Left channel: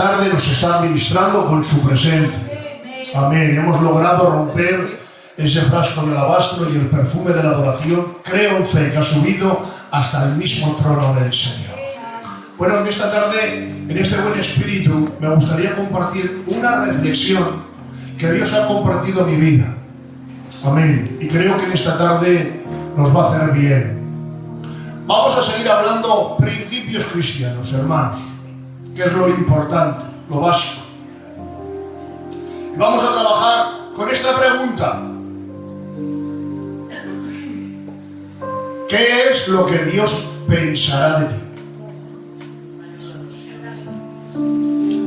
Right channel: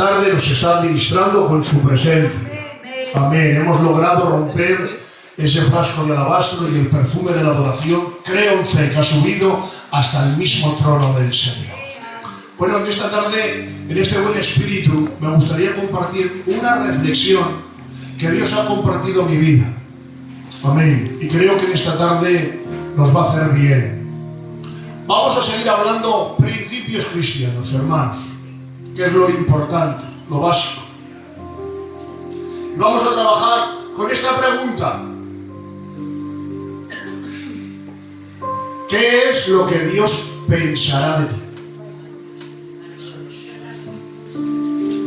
tarde nos está administrando con su presencia. Amén. Hemos logrado romper ese frasco de alabastro y el perfume de la adoración, creo en fe, que ha subido hasta el mismo trono del Señor. Bueno, en esta tarde, en este buen espíritu, me gustaría compartir una reflexión que Dios ha compartido en mi vida. Amén. Y creo que en esta tarde nos va a hacer bien. Vamos a seguir hablando principios cristianos, hermanos, que es lo importante, lo básico. Vamos a trabajar con esta pregunta. ¿Qué es lo que Dios pensará de ti?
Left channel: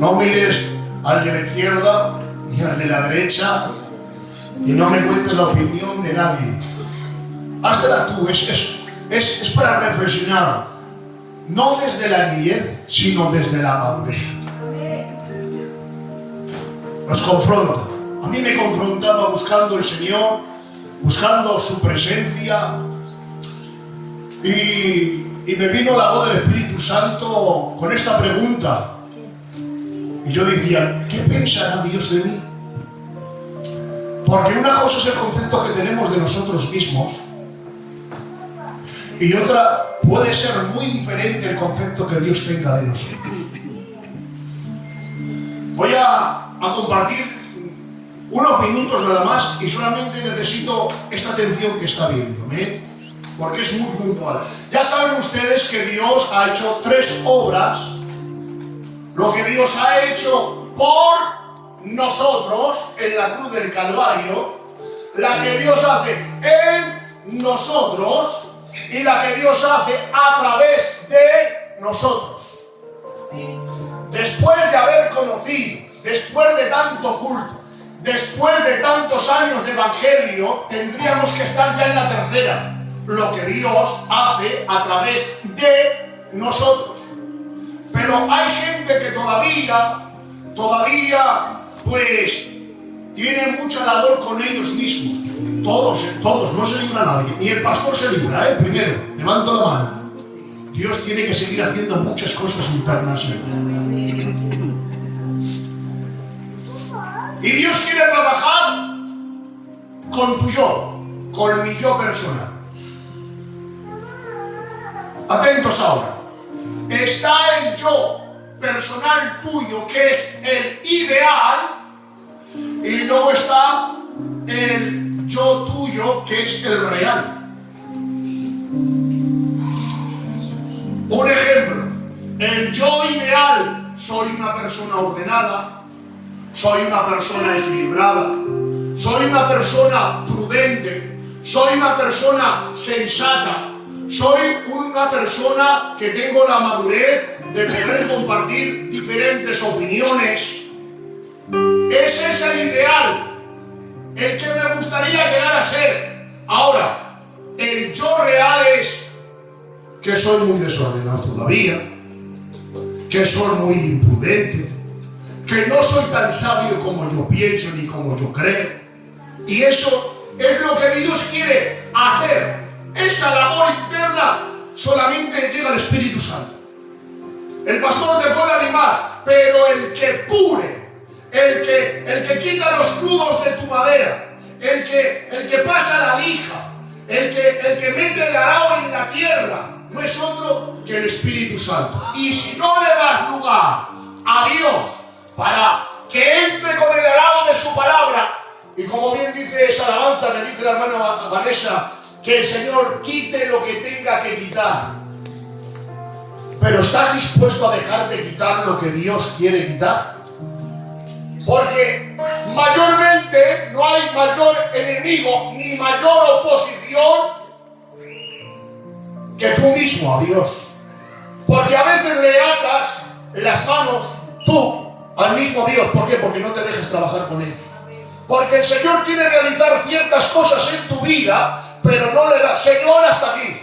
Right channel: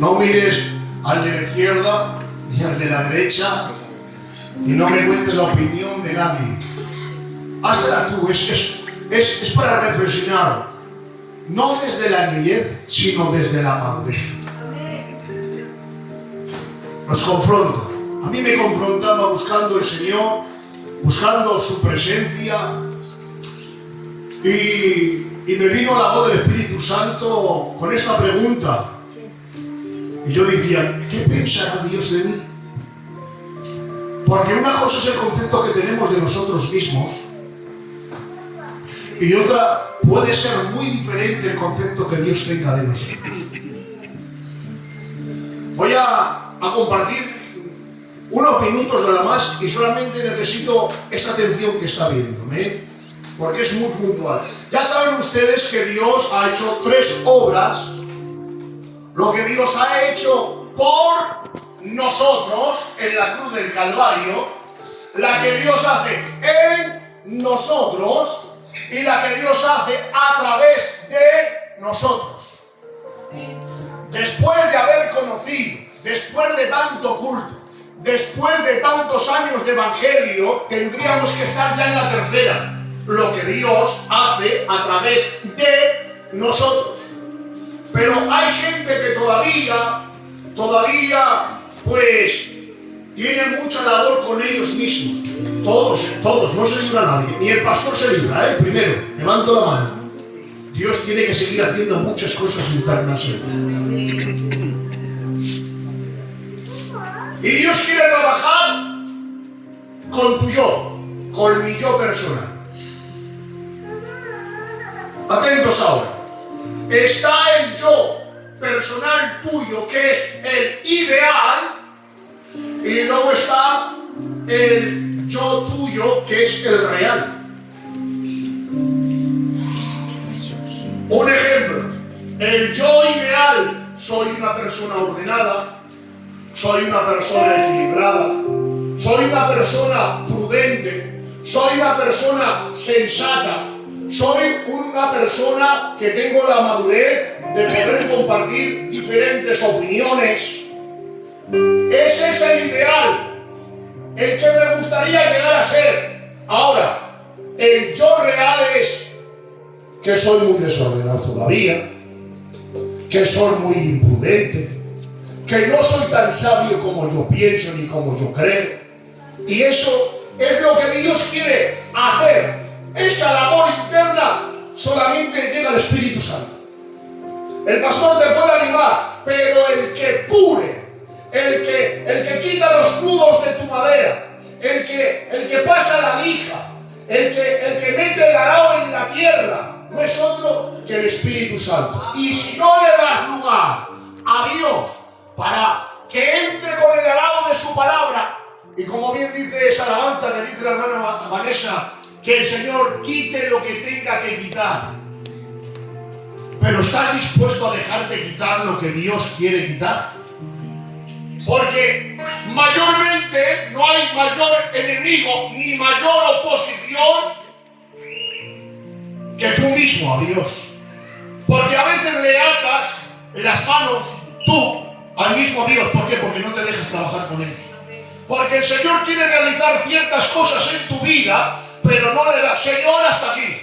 No mires al de la izquierda ni al de la derecha y no me cuentes la opinión de nadie. Háztela tú, es para reflexionar, no desde la niñez, sino desde la madurez. Nos confronta. A mí me confrontaba buscando el Señor, buscando su presencia, y me vino la voz del Espíritu Santo con esta pregunta. Y yo decía, ¿qué pensará Dios de mí? Porque una cosa es el concepto que tenemos de nosotros mismos y otra puede ser muy diferente el concepto que Dios tenga de nosotros. Voy a compartir unos minutos nada más y solamente necesito esta atención que está viéndome, porque es muy puntual. Ya saben ustedes que Dios ha hecho 3 obras. Lo que Dios ha hecho por nosotros en la cruz del Calvario, la que Dios hace en nosotros y la que Dios hace a través de nosotros. Después de haber conocido, después de tanto culto, después de tantos años de evangelio, tendríamos que estar ya en la tercera. Lo que Dios hace a través de nosotros. Pero hay gente que todavía, pues, tienen mucha labor con ellos mismos. Todos, no se libra nadie. Ni el pastor se libra, primero, levanto la mano. Dios tiene que seguir haciendo muchas cosas internas. Y Dios quiere trabajar con tu yo, con mi yo personal. Atentos ahora. Está el yo personal tuyo, que es el ideal, y luego está el yo tuyo, que es el real. Un ejemplo, el yo ideal: soy una persona ordenada, soy una persona equilibrada, soy una persona prudente, soy una persona sensata, soy una persona que tengo la madurez de poder compartir diferentes opiniones. Ese es el ideal, el que me gustaría llegar a ser. Ahora, el yo real es que soy muy desordenado todavía, que soy muy imprudente, que no soy tan sabio como yo pienso ni como yo creo. Y eso es lo que Dios quiere hacer. Esa labor interna solamente llega al Espíritu Santo. El pastor te puede animar, pero el que pure, el que quita los nudos de tu madera, el que pasa la lija, el que mete el arao en la tierra, no es otro que el Espíritu Santo. Y si no le das lugar a Dios para que entre con el arao de su palabra, y como bien dice esa alabanza que dice la hermana Vanessa, que el Señor quite lo que tenga que quitar. Pero ¿estás dispuesto a dejar de quitar lo que Dios quiere quitar? Porque mayormente no hay mayor enemigo ni mayor oposición que tú mismo a Dios. Porque a veces le atas las manos tú al mismo Dios. ¿Por qué? Porque no te dejas trabajar con Él. Porque el Señor quiere realizar ciertas cosas en tu vida, pero no le da. Señor, hasta aquí.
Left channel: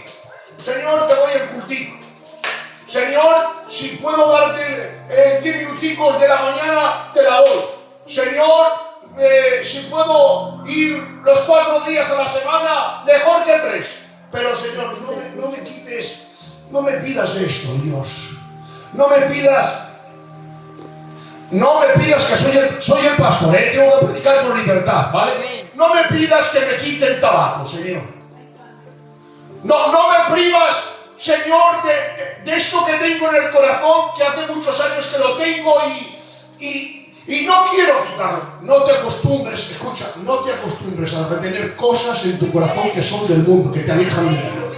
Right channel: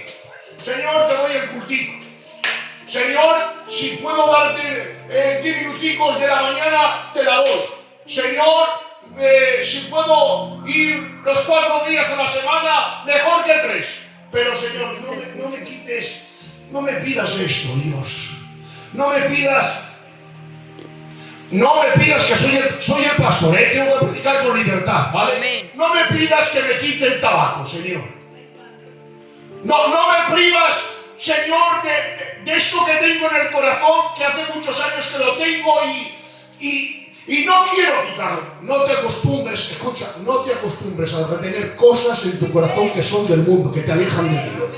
Señor, te doy el cultivo. Señor, si puedo darte 10 minuticos de la mañana, te la doy. Señor, si puedo ir los 4 días a la semana, mejor que 3. Pero Señor, no me quites, no me pidas esto, Dios. No me pidas No me pidas que soy el pastor, tengo que predicar con libertad, ¿vale? Amén. No me pidas que me quite el tabaco, Señor. No me privas, Señor, de eso que tengo en el corazón, que hace muchos años que lo tengo y no quiero quitarlo. No te acostumbres, escucha, no te acostumbres a retener cosas en tu corazón que son del mundo, que te alejan de Dios.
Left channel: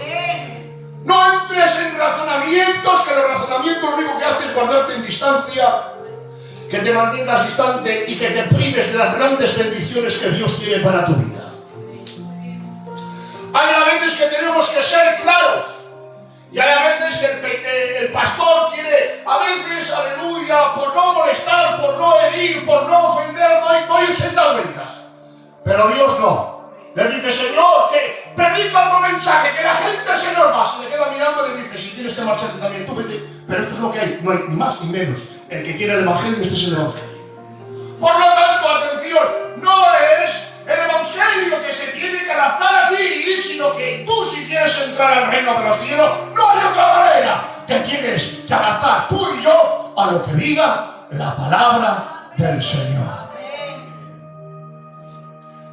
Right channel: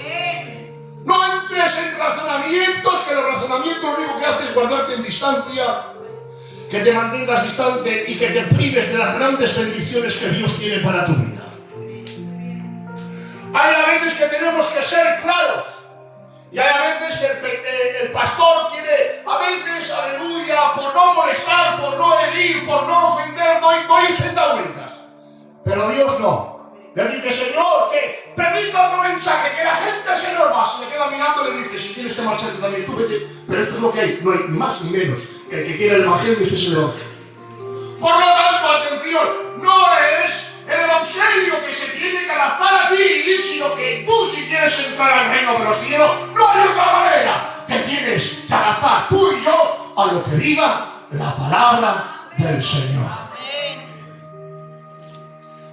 No entres en razonamientos, que los razonamientos lo único que hacen es guardarte en distancia, que te mantengas distante y que te prives de las grandes bendiciones que Dios tiene para tu vida. Hay a veces que tenemos que ser claros. Y hay a veces que el pastor quiere, a veces, aleluya, por no molestar, por no herir, por no ofender, doy 80 vueltas. Pero Dios no. Le dice, Señor, que predica otro mensaje, que la gente se nos va. Se le queda mirando y le dice, si tienes que marcharte también, tú vete. Pero esto es lo que hay, no hay ni más ni menos. El que quiere el Evangelio, este es el Evangelio. Por lo tanto, atención, no es el Evangelio que se tiene que adaptar a ti, sino que tú, si quieres entrar al reino de los cielos, no hay otra manera. Te tienes que adaptar tú y yo a lo que diga la palabra del Señor.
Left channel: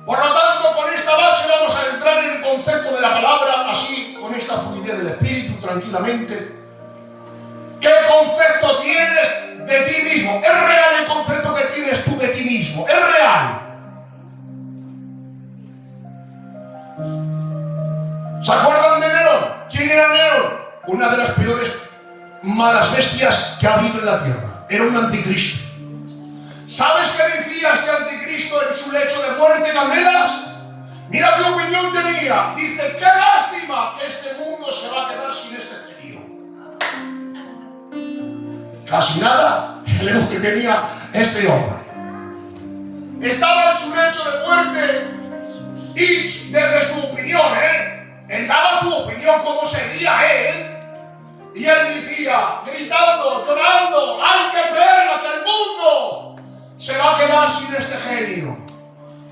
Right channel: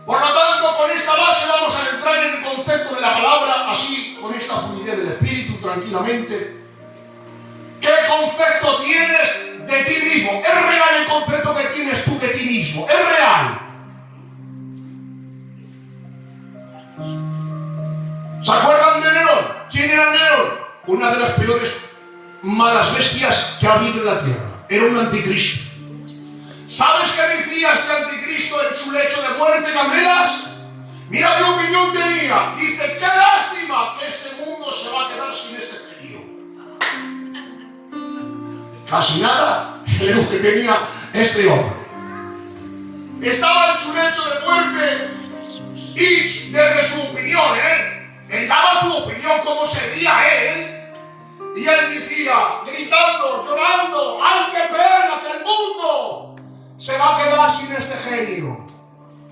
Por lo tanto, con esta base vamos a entrar en el concepto de la palabra, así, con esta fluidez del Espíritu, tranquilamente. ¿Qué concepto tienes de ti mismo? ¿Es real el concepto que tienes tú de ti mismo? ¿Es real? ¿Se acuerdan de Nerón? ¿Quién era Nerón? Una de las peores malas bestias que ha habido en la tierra. Era un anticristo. ¿Sabes qué decía este anticristo en su lecho de muerte, Candelas? Mira qué opinión tenía. Dice, qué lástima que este mundo se va a quedar sin este frío. Casi nada el ego que tenía este hombre. Estaba en su lecho de muerte y desde su opinión, él daba su opinión, cómo sería él. Y él decía, gritando, llorando, ¡ay, qué pena que el mundo se va a quedar sin este genio!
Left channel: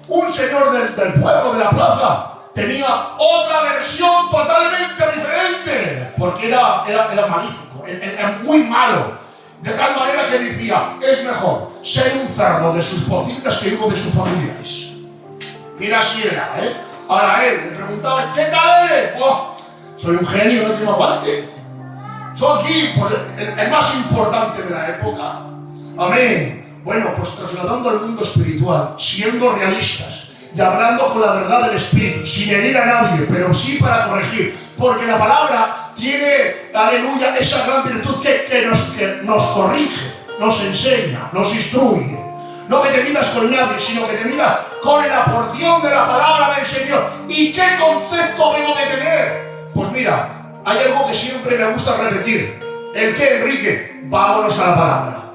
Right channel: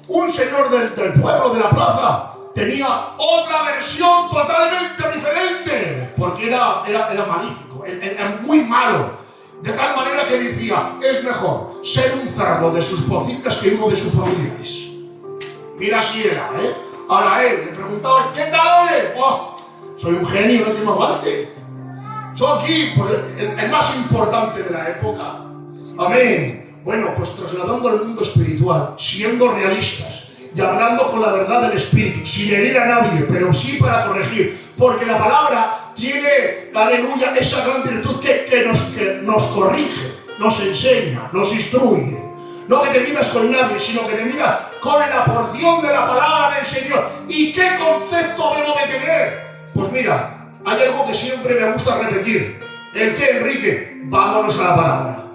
Un señor del pueblo, de la plaza, tenía otra versión totalmente diferente, porque era malífico, era muy malo. De tal manera que decía, es mejor ser un cerdo de sus pocitas que uno de sus familiares. Mira si era, Ahora él le preguntaba, ¿qué tal eres? Oh, soy un genio, no hay que me aguante. Soy aquí, el más importante de la época. Amén. Bueno, pues trasladando al mundo espiritual, siendo realistas y hablando con la verdad del Espíritu, sin herir a nadie, pero sí para corregir, porque la palabra tiene, aleluya, esa gran virtud que nos corrige, nos enseña, nos instruye. No que te midas con nadie, sino que te midas con la porción de la palabra del Señor. ¿Y qué concepto debo de tener? Pues mira, hay algo que siempre me gusta repetir. ¿El qué, Enrique? Vámonos a la palabra.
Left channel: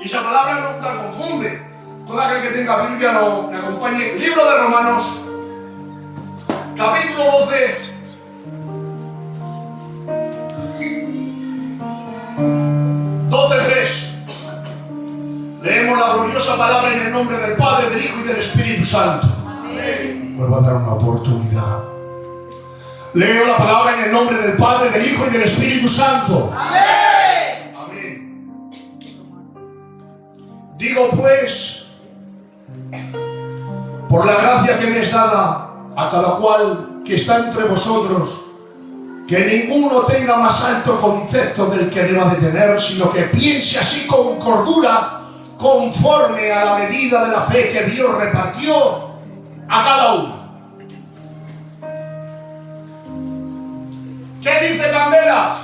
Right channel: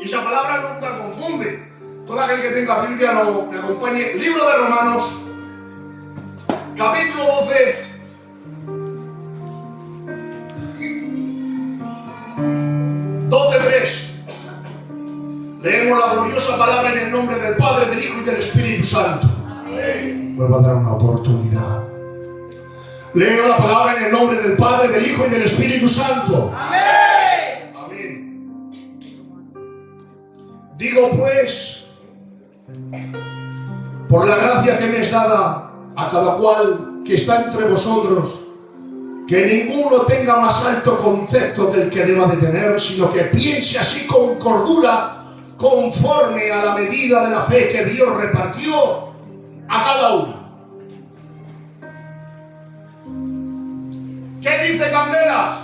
Y esa palabra nunca confunde. Todo aquel que tenga Biblia me acompañe. Libro de Romanos, capítulo 12. Leemos la gloriosa palabra en el nombre del Padre, del Hijo y del Espíritu Santo. Amén. Vuelvo a dar una oportunidad. Leo la palabra en el nombre del Padre, del Hijo y del Espíritu Santo. Amén. Amén. Digo pues, por la gracia que me es dada a cada cual que está entre vosotros, que ninguno tenga más alto concepto del que deba de tener, sino que piense así con cordura, conforme a la medida de la fe que Dios repartió a cada uno. ¿Qué dice Candelas?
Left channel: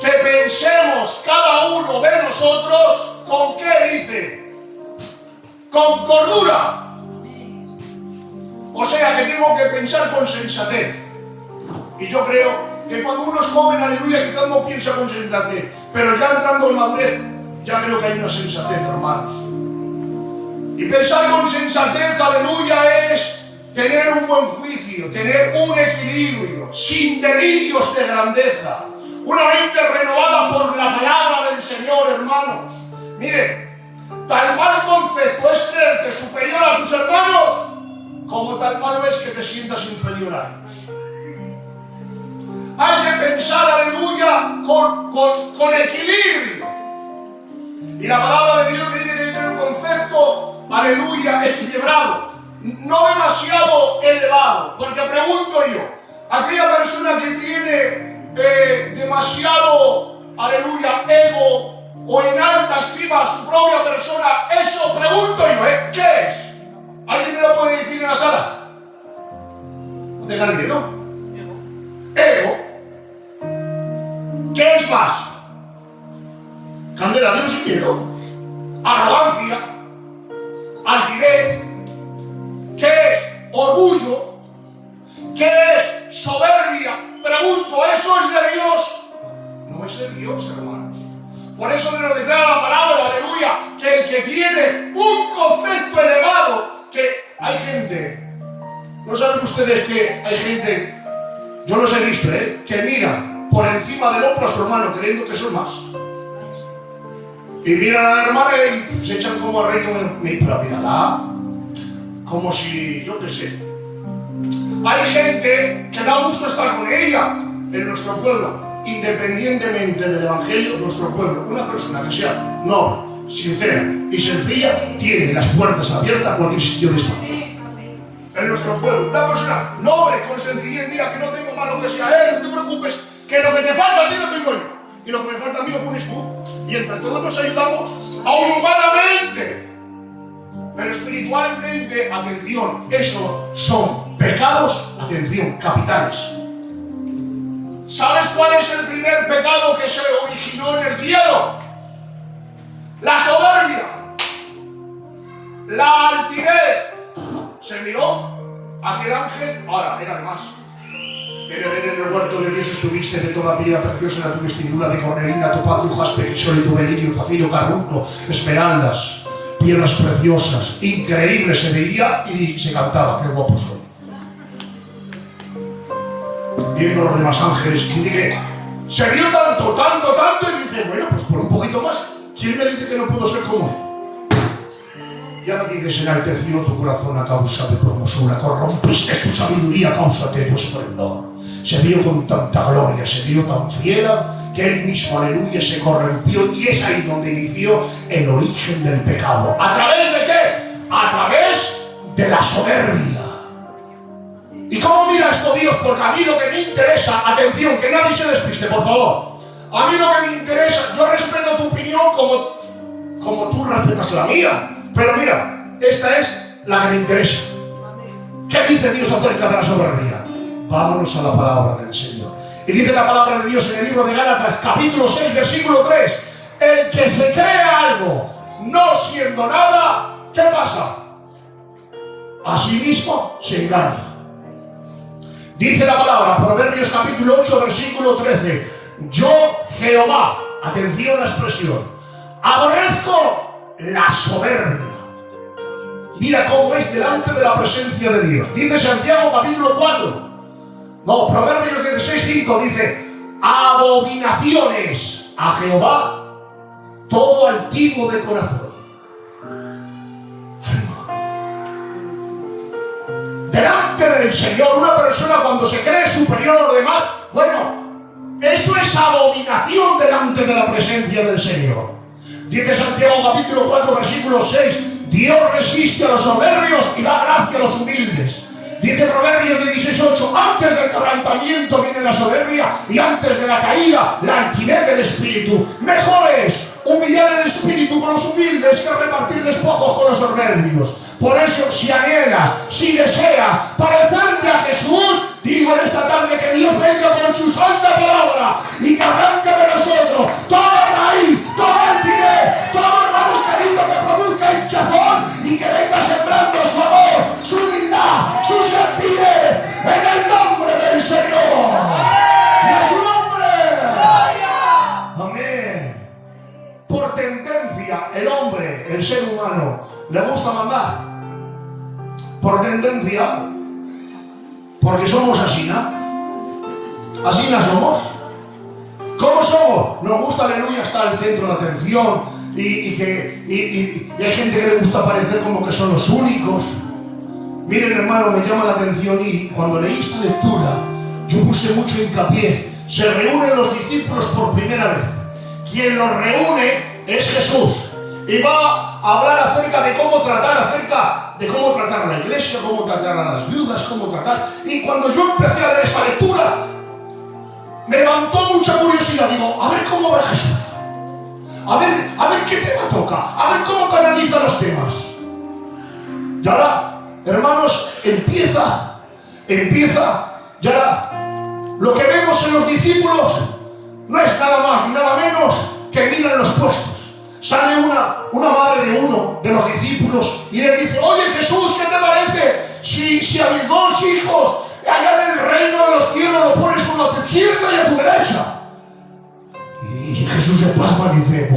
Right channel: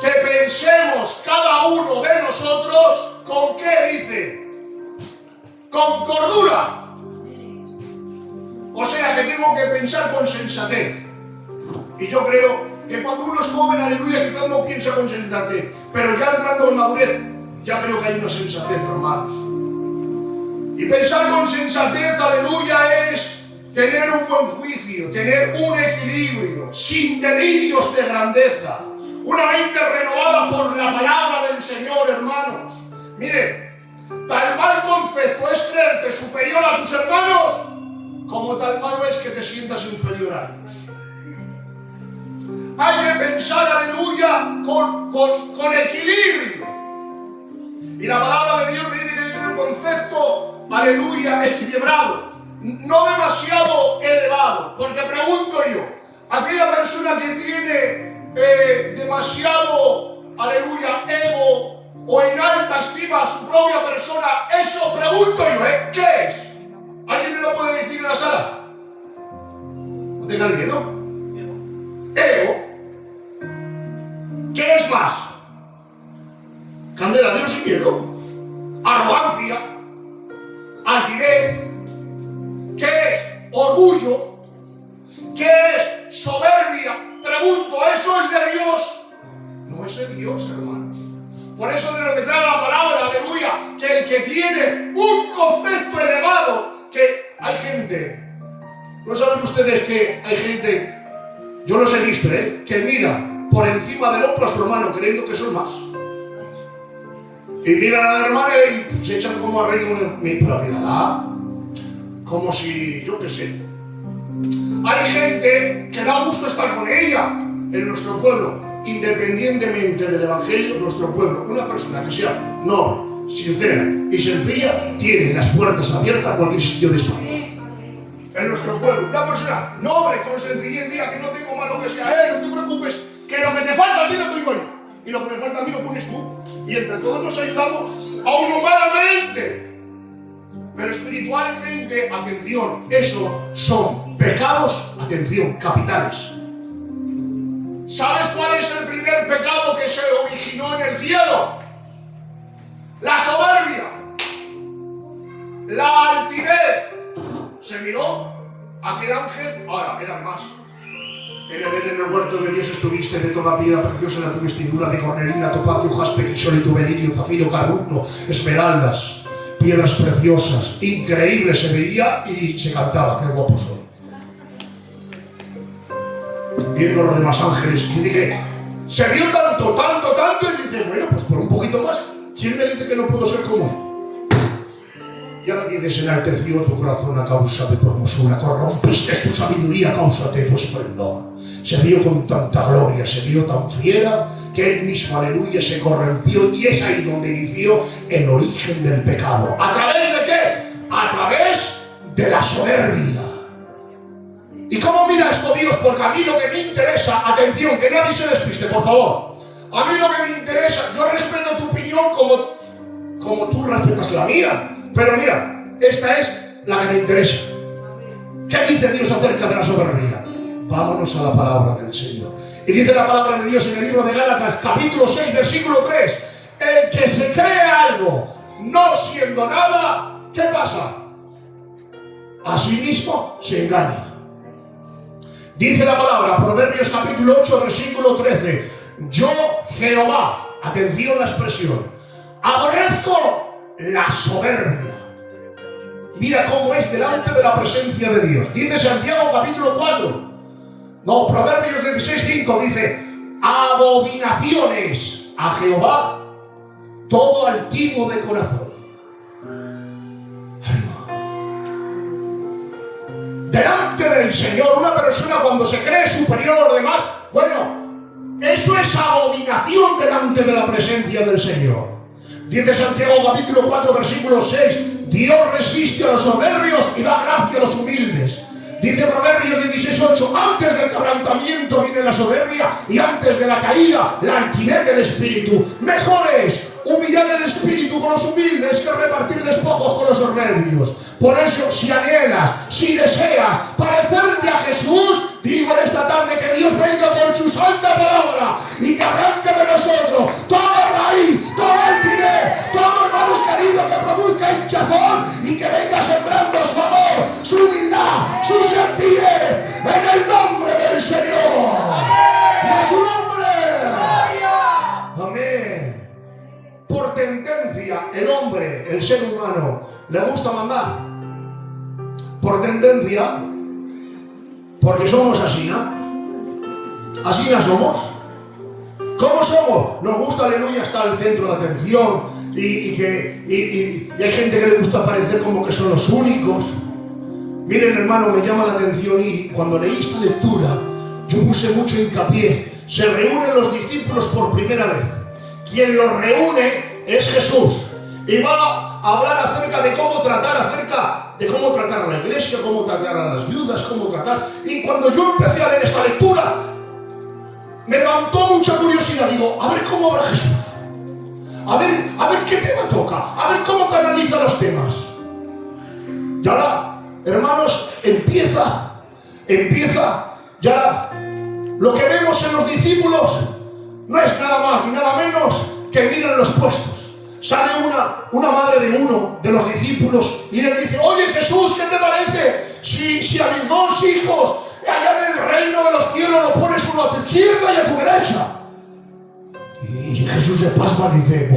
Que pensemos cada uno de nosotros, ¿con qué dice? Con cordura. O sea que tengo que pensar con sensatez. Y yo creo que cuando uno es joven, aleluya, quizás no piensa con sensatez, pero ya entrando en madurez, ya creo que hay una sensatez, hermanos. Y pensar con sensatez, aleluya, es tener un buen juicio, tener un equilibrio, sin delirios de grandeza, una mente renovada por la palabra del Señor, hermanos. Miren, tal mal concepto es creerte superior a tus hermanos, como tal malo es que te sientas inferior a ellos. Hay que pensar, aleluya, con equilibrio. Y la palabra de Dios aleluya, equilibrado, no demasiado elevado. Porque pregunto yo, aquella persona que tiene demasiado, aleluya, ego o en alta estima a su propia persona, eso pregunto yo, ¿qué es? ¿Alguien me lo puede decir en la sala? No tengan miedo. Ego. ¿Qué es más? Candela, dilo sin miedo. Arrogancia. Altivez. ¿Qué es? Orgullo. ¿Qué es? Soberbia. Pregunto, ¿eso es de Dios? No es de Dios, hermanos. Por eso nos declara la palabra, aleluya, que el que tiene un concepto elevado, que hay gente, ¿no saben ustedes que hay gente, yo los he visto, que mira por encima del hombro a su hermano creyendo que son más? Y miran a la hermana y se echan como a reír, pero mírala, como si, yo qué sé. Hay gente que da gusto estar con ella en nuestro pueblo. Independientemente del evangelio, nuestro pueblo, una persona que sea noble, sincera y sencilla, tiene las puertas abiertas a cualquier sitio de España. En nuestro pueblo, una persona noble, con sencillez, mira que no tengo malo que sea él, no te preocupes, que lo que te falta a ti lo tengo yo, y lo que me falta a mí lo pones tú, y entre todos nos ayudamos, aún humanamente, pero espiritualmente, atención, eso son pecados, atención, capitales. ¿Sabes cuál es el primer pecado que se originó en el cielo? La soberbia, la altivez. Se miró aquel ángel, ahora era más. En el huerto de Dios estuviste, de toda piedra preciosa era tu vestidura, de cornelina, topacio, jaspe, crisólito, berilio, zafiro, carbunclo, esmeraldas, piedras preciosas, increíble se veía y se cantaba, qué guapo soy. Viendo los demás ángeles, y dije, se vio tanto, y dice, bueno, pues por un poquito más, ¿quién me dice que no puedo ser como él? Y ahora dices, enalteció tu corazón a causa de tu hermosura, corrompiste tu sabiduría a causa de tu esplendor. Se vio con tanta gloria, se vio tan fiera, que él mismo, aleluya, se corrompió, y es ahí donde inició el origen del pecado. ¿A través de qué? A través de la soberbia. ¿Y cómo mira esto Dios? Porque a mí lo que me interesa, atención, que nadie se despiste, por favor. A mí lo que me interesa, yo respeto tu opinión como tú respetas la mía. Pero mira, esta es la que me interesa. ¿Qué dice Dios acerca de la soberbia? Vámonos a la palabra del Señor. Y dice la palabra de Dios en el libro de Gálatas, capítulo 6, versículo 3. El que se cree algo, no siendo nada, ¿qué pasa? A sí mismo se engaña. Dice la palabra, Proverbios capítulo 8, versículo 13. Yo, Jehová, atención a la expresión, aborrezco la soberbia. Mira cómo es delante de la presencia de Dios. Dice Santiago capítulo 4. No, Proverbios 16, 5 dice, abominaciones a Jehová todo altivo de corazón. Delante del Señor, una persona cuando se cree superior a los demás, bueno, eso es abominación delante de la presencia del Señor. Dice Santiago capítulo 4, versículo 6, Dios resiste a los soberbios y da gracia a los humildes. Dice Proverbios 16:8, antes del quebrantamiento viene la soberbia y antes de la caída la altivez del espíritu. Mejor es humillar el espíritu con los humildes que repartir despojos con los soberbios. Por eso, si anhelas, si deseas parecerte a Jesús, digo en esta tarde que Dios venga con su santa palabra y que arranque de nosotros toda raíz, todo altivez, todo hermanos queridos que produzca hinchazón y que venga sembrando su amor, su humildad, su sencillez, en el nombre del Señor. Y a su nombre. Amén. Por tendencia, el hombre, el ser humano, le gusta mandar. Por tendencia, porque somos así, ¿no? Así no somos. ¿Cómo somos? Nos gusta, aleluya, estar al centro de atención y hay gente que le gusta parecer como que son los únicos. Miren, hermano, me llama la atención y cuando leí esta lectura, yo puse mucho hincapié. Se reúnen los discípulos por primera vez. Quien los reúne es Jesús. Y va hablar acerca de cómo tratar a la iglesia, cómo tratar a las viudas, cómo tratar. Y cuando yo empecé a leer esta lectura, me levantó mucha curiosidad. Digo, a ver cómo va Jesús. A ver qué tema toca. A ver cómo canaliza los temas. Y ahora, hermanos, empieza. Y ahora, lo que vemos en los discípulos no es nada más ni nada menos que miran los puestos. Sale una madre de uno de los discípulos y le dice, oye Jesús, ¿qué te parece? Si a mis 2 hijos allá en el reino de los cielos lo pones uno a tu izquierda y a tu derecha. Y Jesús se pasma y dice,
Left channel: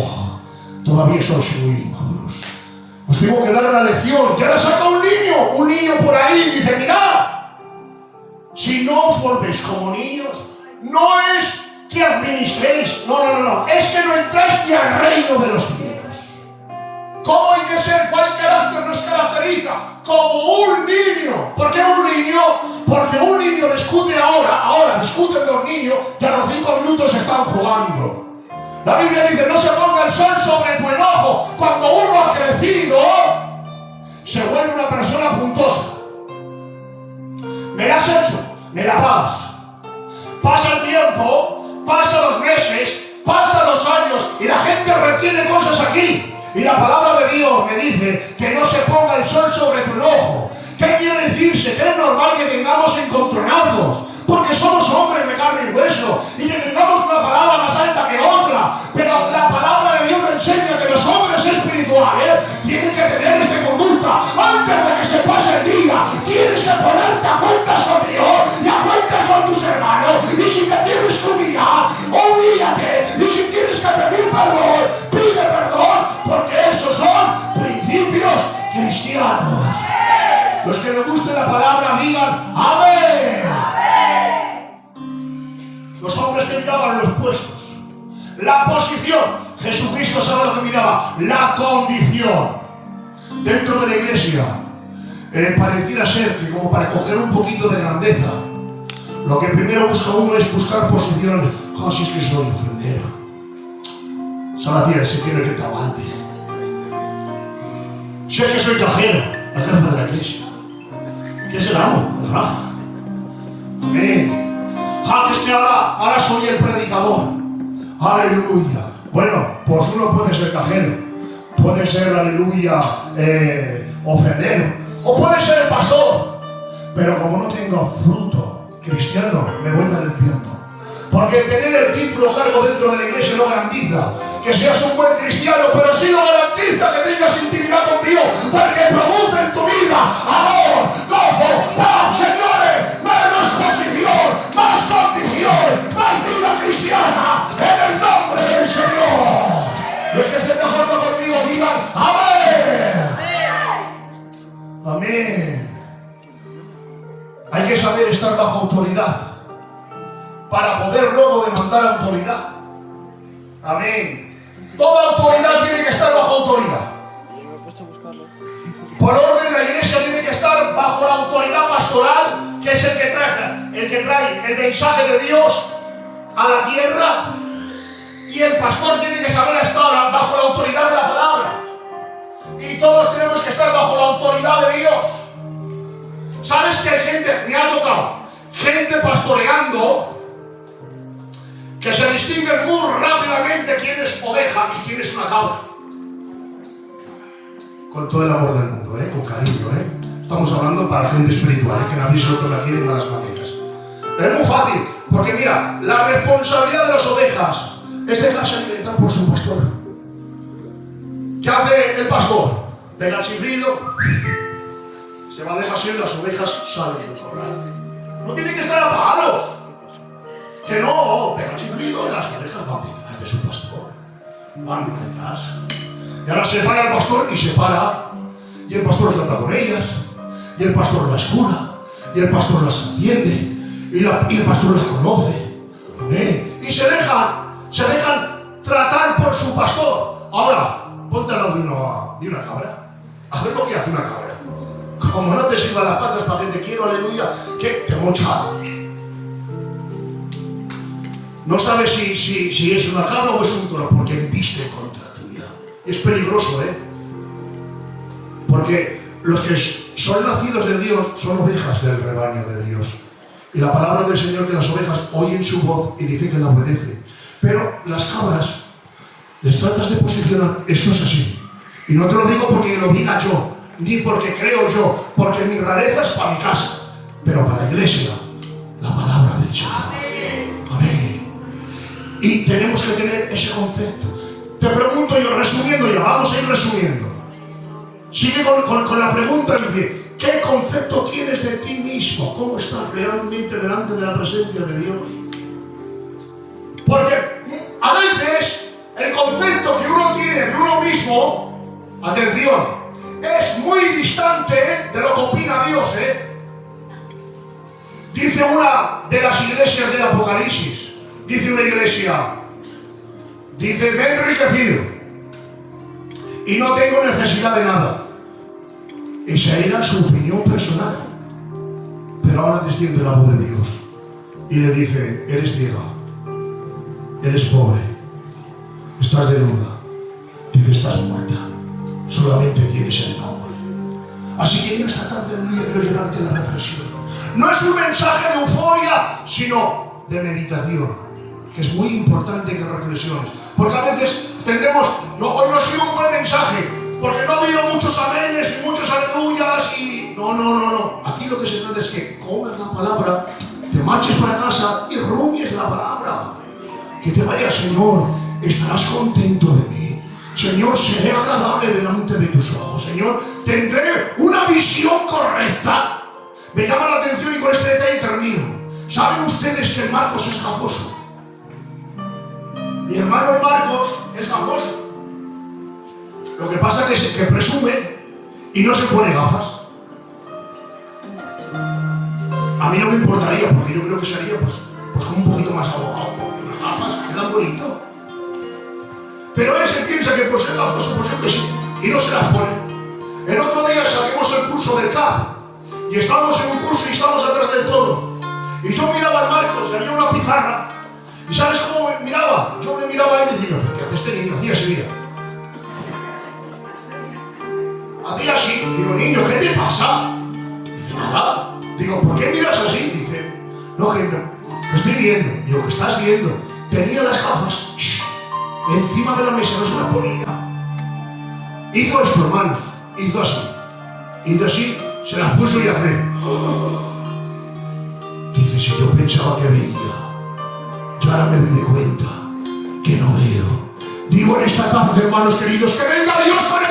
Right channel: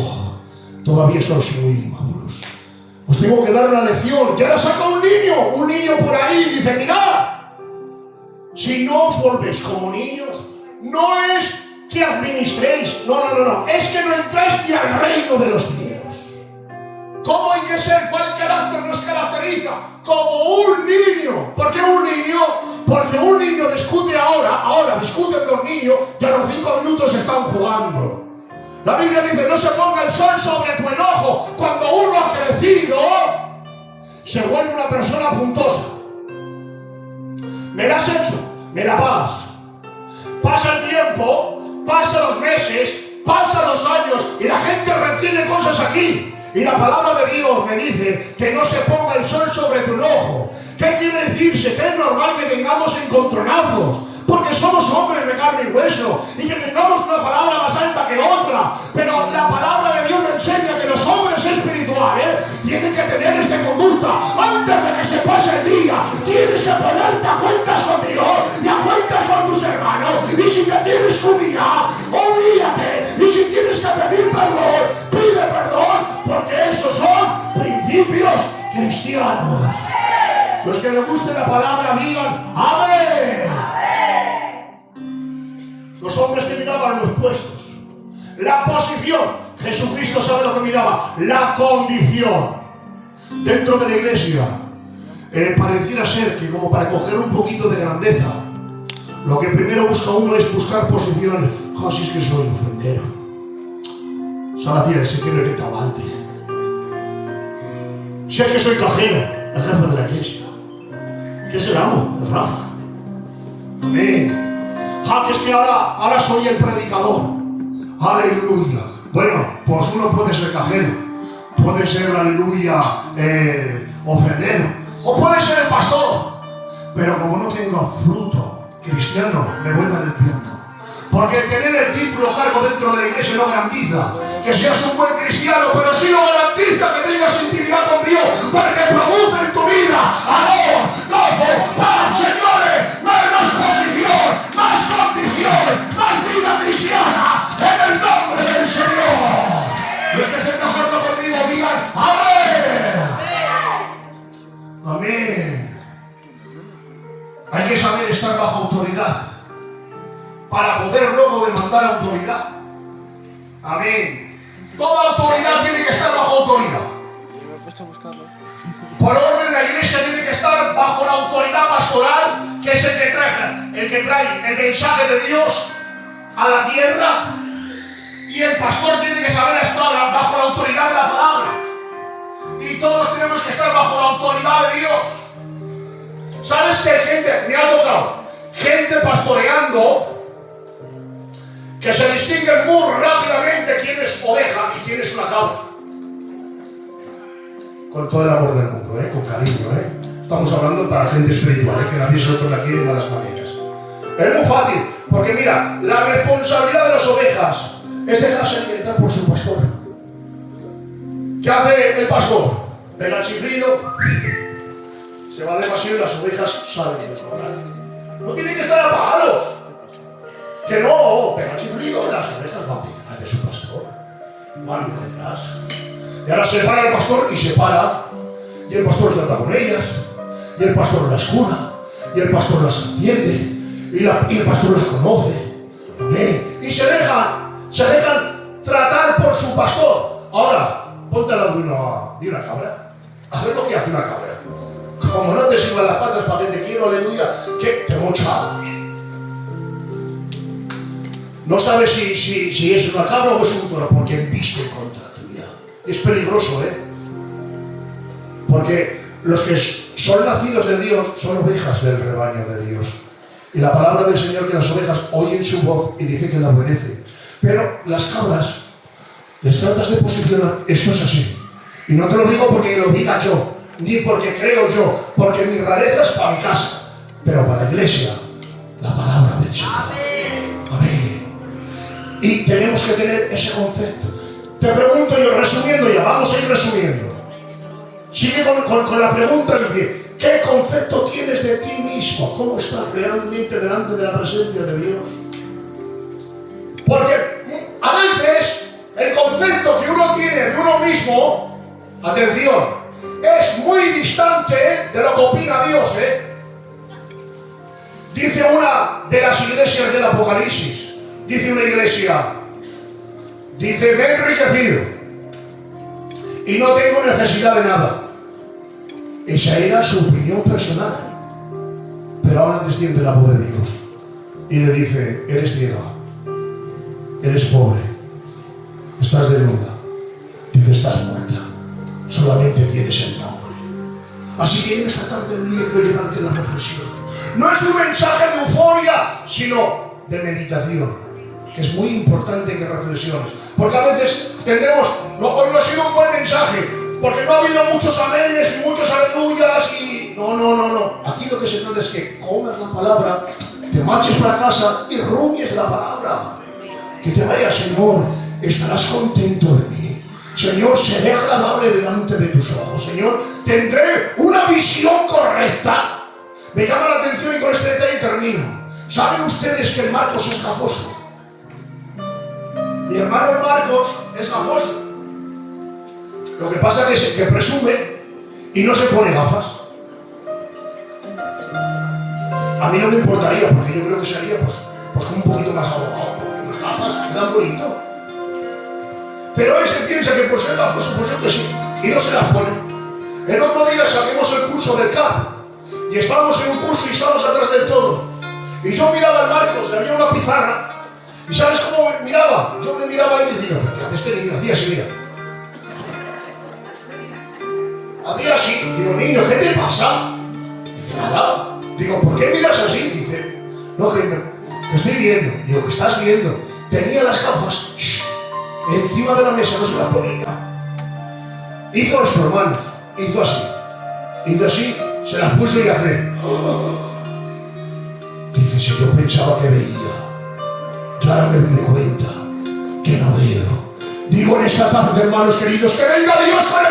todavía sois muy inmaduros. Os tengo que dar una lección. Y ahora saca un niño por ahí y dice, mirad, si no os volvéis como niños, no es que administréis, no, es que no entráis ni al reino de los cielos. ¿Cómo hay que ser? ¿Cuál carácter nos caracteriza? Como un niño. ¿Por qué un niño? Porque un niño discute ahora discuten 2 niños y a los 5 minutos están jugando. La Biblia dice, no se ponga el sol sobre tu enojo. Cuando uno ha crecido, se vuelve una persona puntosa. Me la has hecho, me la pagas. Pasa el tiempo, pasan los meses, pasan los años y la gente retiene cosas aquí. Y la palabra de Dios me dice que no se ponga el sol sobre tu enojo. ¿Qué quiere decirse? Que es normal que tengamos encontronazos, porque somos hombres de carne y hueso, y que tengamos una palabra más alta que otra. Pero la palabra de Dios me enseña que los hombres espirituales tienen que tener esta conducta. Antes de que se pase el día, tienes que ponerte a cuentas con Dios y a cuentas con tus hermanos. Y si te tienes que humillar, humíllate. Y si tienes que pedir perdón, pide perdón, porque esos son principios cristianos. Los que les guste la palabra digan amén. Los hombres que miraban los puestos, la posición. Jesucristo sabe lo que miraba, la condición. Dentro de la iglesia pareciera ser que, como para coger un poquito de grandeza, lo que primero busca uno es buscar posiciones. Si es que soy ofrendero, Salatía, ese que no es cabante. Si es que soy cajero, el jefe de la iglesia. ¿Qué es el amo? El Rafa. Amén. Que es que ahora soy el predicador. Aleluya. Bueno, pues uno puede ser cajero, puede ser, aleluya, ofrendero, o puede ser el pastor. Pero como no tengo fruto cristiano, me voy al infierno. Porque tener el título cargo dentro de la iglesia no garantiza que seas un buen cristiano, pero sí lo garantiza que tengas intimidad con Dios, porque produce en tu vida amor, gozo, paz, señores, menos posición, más condición, más vida cristiana, en el nombre del Señor. Los que estén de acuerdo conmigo digan amén. Amén. Hay que saber estar bajo autoridad para poder luego demandar autoridad. Amén. Toda autoridad tiene que estar bajo autoridad. Por orden, la iglesia tiene que estar bajo la autoridad pastoral, que es el que trae el mensaje de Dios a la tierra. Y el pastor tiene que saber estar bajo la autoridad de la palabra. Y todos tenemos que estar bajo la autoridad de Dios. ¿Sabes que hay gente, me ha tocado, gente pastoreando, que se distinguen muy rápidamente quién es oveja y quién es una cabra? Con todo el amor del mundo, con cariño, Estamos hablando para gente espiritual, que nadie se lo tome aquí de malas maneras. Es muy fácil, porque mira, la responsabilidad de las ovejas es dejarse alimentar por su pastor. ¿Qué hace el pastor? Pega el chiflido, se va de paseo y las ovejas salen del corral. No tienen que estar apagados. Que no, pega el chiflido y las ovejas van detrás de su pastor. Van detrás. Y ahora se para el pastor y se para. Y el pastor trata con ellas. Y el pastor las cura. Y el pastor las atiende. Y el pastor las conoce. Amén. Y se dejan tratar por su pastor. Ahora, ponte al lado de una cabra. A ver lo que hace una cabra. Como no te sirvan las patas para que te quiero, aleluya, que te mocha. No sabes si es una cabra o es un toro, porque embiste contra tuya. Es peligroso, Porque los que son nacidos de Dios son ovejas del rebaño de Dios. Y la palabra del Señor, que las ovejas oyen su voz y dice que la obedecen. Pero las cabras les tratas de posicionar, esto es así. Y no te lo digo porque lo diga yo, ni porque creo yo, porque mi rareza es para mi casa, pero para la iglesia, la palabra del Señor. Amén. Y tenemos que tener ese concepto. Te pregunto yo, resumiendo ya, vamos a ir resumiendo. Sigue con la pregunta de ¿qué concepto tienes de ti mismo? ¿Cómo estás realmente delante de la presencia de Dios? Porque a veces el concepto que uno tiene de uno mismo, atención, es muy distante de lo que opina Dios. Dice una de las iglesias del Apocalipsis, dice una iglesia, dice, me he enriquecido y no tengo necesidad de nada. Esa era su opinión personal. Pero ahora desciende la voz de Dios y le dice, eres ciega, eres pobre, estás desnuda, dice, estás muerta, solamente tienes el nombre. Así que en esta tarde quiero llevarte a la reflexión. No es un mensaje de euforia, sino de meditación, que es muy importante que reflexiones. Porque a veces tendemos, no, hoy no ha sido un buen mensaje, porque no ha habido muchos amenes y muchos aleluyas y... No. Aquí lo que se trata es que comas la palabra, te marches para casa y rumies la palabra. Que te vaya, Señor, estarás contento de mí. Señor, seré agradable delante de tus ojos. Señor, tendré una visión correcta. Me llama la atención y con este detalle termino. ¿Saben ustedes que el Marcos es gafoso? Mi hermano el Marcos es gafoso. Lo que pasa es que presume y no se pone gafas. A mí no me importaría, porque yo creo que sería pues como un poquito más abogado. Las gafas quedan bonito. Pero ese piensa que por ser gafoso, pues yo que sí, y no se las pone. El otro día salimos el curso del CAP y estábamos en un curso y estábamos atrás del todo. Y yo miraba al Marcos y había una pizarra. ¿Y sabes cómo me miraba? Yo me miraba y decía, ¿qué hace este niño? Hacía así, mira. Hacía así. Digo, niño, ¿qué te pasa? Dice, nada. Digo, ¿por qué miras así? Dice, no, que no, estoy viendo. Digo, ¿qué estás viendo? Tenía las gafas encima de la mesa, no se las ponía. Hizo esto, hermanos. Hizo así. Hizo así, se las puso y hace. Dice, si yo pensaba que veía, yo ahora me doy cuenta que no veo. Digo en esta tarde, hermanos queridos, que venga Dios con